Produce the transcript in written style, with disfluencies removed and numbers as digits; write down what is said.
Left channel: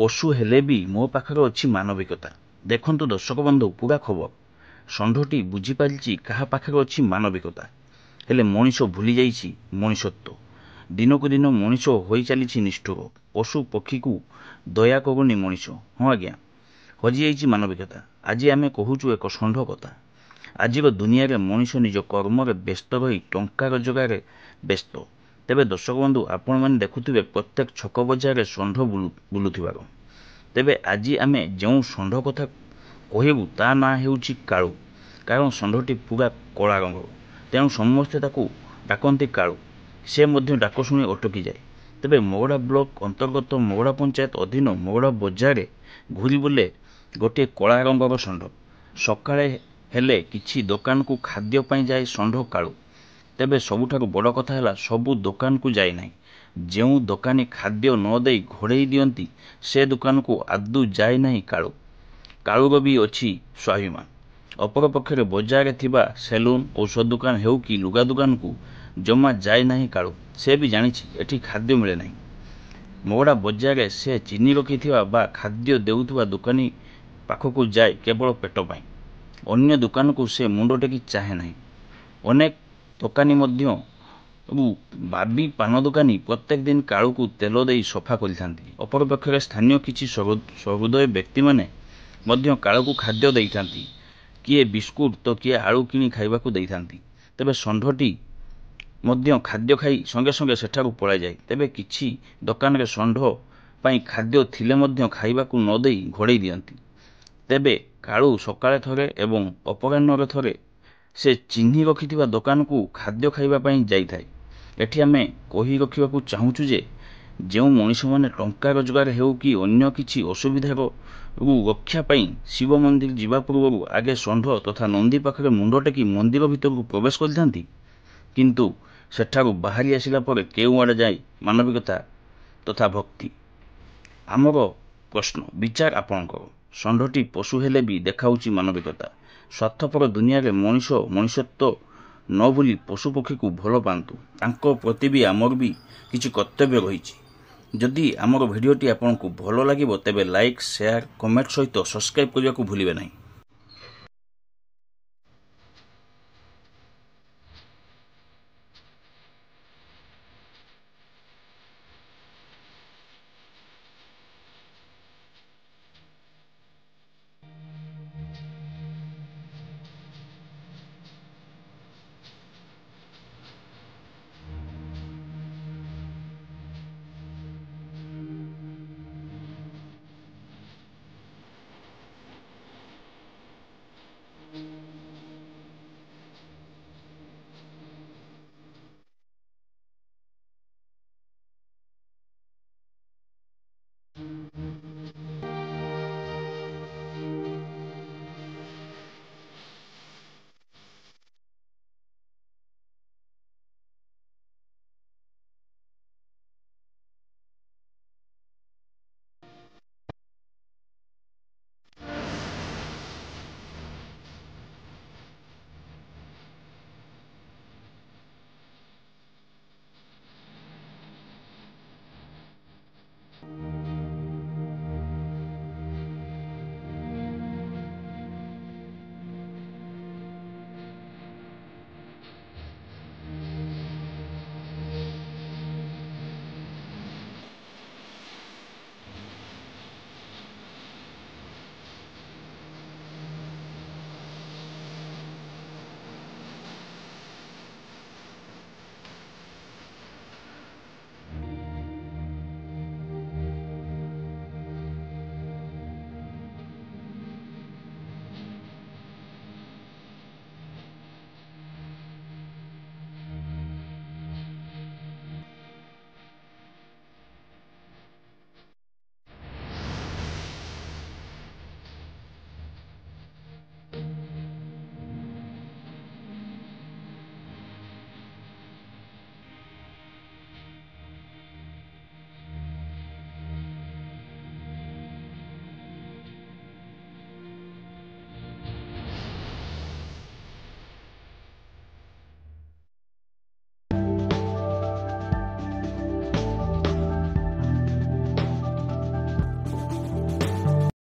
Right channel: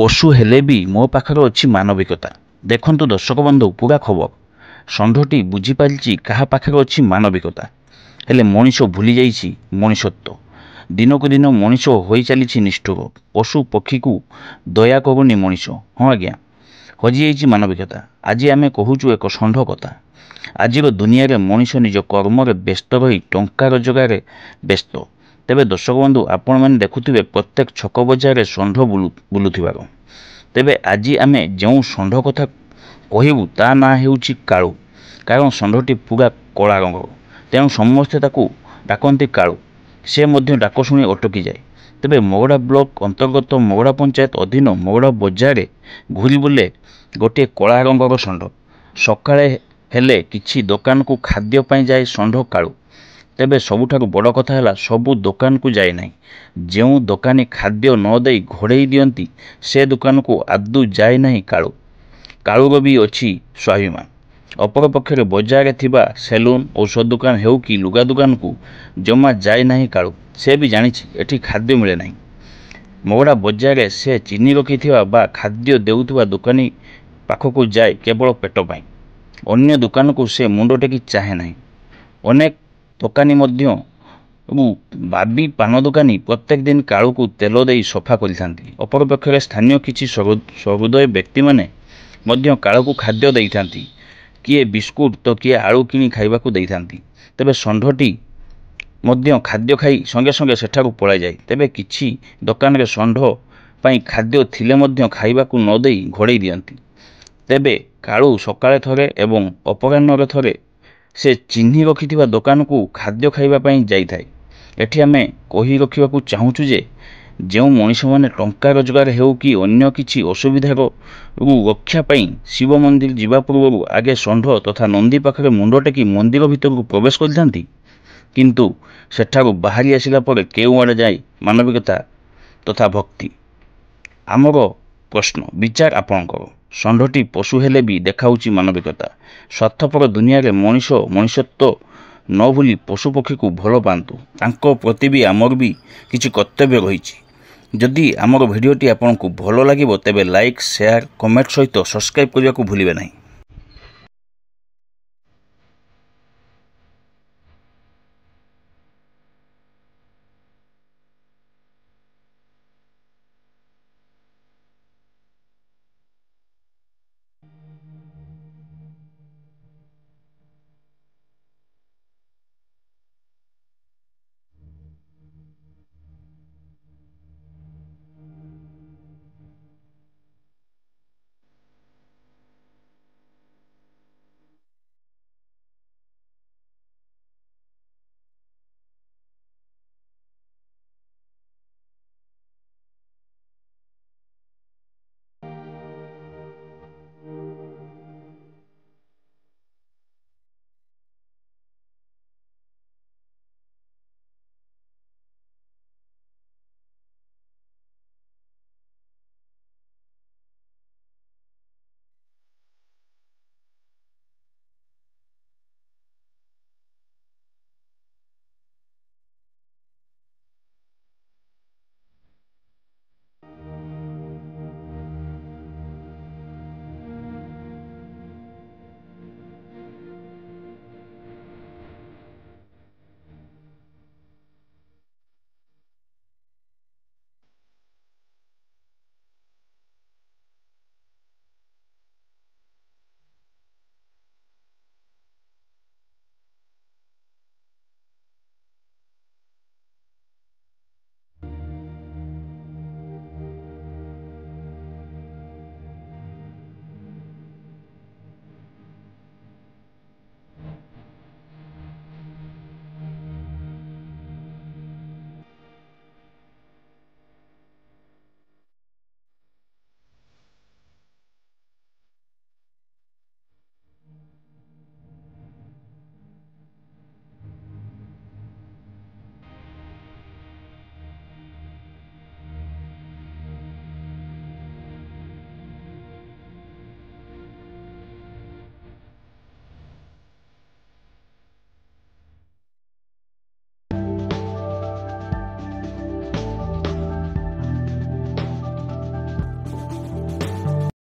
पशु हेले भी मो पाखरे अच्छी मानविकता। देखंतु दर्शक बंधु पूरा खबर षंढटी बुझीपारी क्या पाखरे अच्छी मानविकता हेले मनीष भूली जाइछि मनीषत्व। दिनकू दिन मनीष हो चली निष्ठुर पशु पक्षी को दया करूनी मनीष। हाँ आज्ञा हजि जाइछि मानविकता। आज आम कहूचु एक षंढ कथा। आज दुनिया रे मनीष निज कर्म व्यस्त रही टंका रोजगार व्यस्त। तेबे दर्शक बंधु आपण मैंने देखुथिबे प्रत्येक छक बजार षंढ बुलुथिबार। तेबे आज आम जो षंढ कथा कहबू ता ना हेउछि काळू। कारण षंढटी पूरा कला रंग तेणु समस्ते ताकू डाकती काळू। से मध्य डाक शुणी अटकी जाए। तेबे मोगड़ा ब्लॉक अंतर्गत मोगड़ा पंचायत अधीन मोगड़ा बजार घूरी बुले गोटे कला रंगर षंढ। सकाळे हेले किछि दुकान को खाद्य पाई जाए षंढ काळू। तेबे सबुठारु बड़ कथा है सबू दुकान को जाए ना। जो दुकानी खाद्य न दे घोड़े दियंती से दुकान को आदू जाए ना काळू। काळूर भी अच्छी स्वाभिमान। अपरपक्षे बजार थिबा सेलून औषध दुकान हेउ कि लुगा दुकान को जमा जाए ना काळू। से भी जानी एठी खाद्य मिले ना। मोगड़ा बजार से चीनी रखिथिबा बा खाद्य देउथिबा दुकानी पाखकू जाए केवल पेट पाई। अन्य दुकान को से मुंड टेकी चाहे ना। अनेक दुकानी मध्य बाबी पान दुकानी प्रत्येक दिन काळू को तेल दे सफा करिथांती। अपरपक्षे स्थानीय किछि सहृदय व्यक्ति माने मध्य काळू को खाद्य देइथांती। किए बिस्कुट तो किए आलू किनी खाइबाकू देइथांती। तेबे षंढटी मध्य खाद्य खाई संगे संगे सेठाकू पळाई जाए। तेबे किछि दुकान रे षंढ पई खाद्य थिले मध्य खाइबाकू न देई घोड़े दियंती। तेबे काळू सकाळे थरे एवं अपराह्न थरे से चिन्ही रखिथिबा दुकान को खाद्य खाइबा पई जाई थाए। एठी आमे कहि रखिबाकू चाहूछु जे जो मनीष माने टंका रोजगार हेउ कि अन्य किछि असुविधार रक्षा पई शिव मंदिर जीवा पूर्व आगे षंढ तथा नंदी पाखरे मुंड टेकी मंदिर भितर को प्रवेश करिथांती। किंतु सेठारु बाहरी आसिला परे केउ आड़े जाई मानविकता तथा भक्ति। आमर प्रश्न विचार आपणकर षंढटी पशु हेले भी देखाउछि मानविकता। स्वार्थपर दुनिया रे मनीष मनुष्यत्व न भूली पशु पक्षी को भल पांतु। तांको प्रति भी आमर भी किछि कर्तव्य रहिछि। जदि आमर भिडियोटी आपनकु भल लागिबो तेबे लाइक शेयर कमेंट सहित सब्सक्राइब करने को भूलिबे नहीं।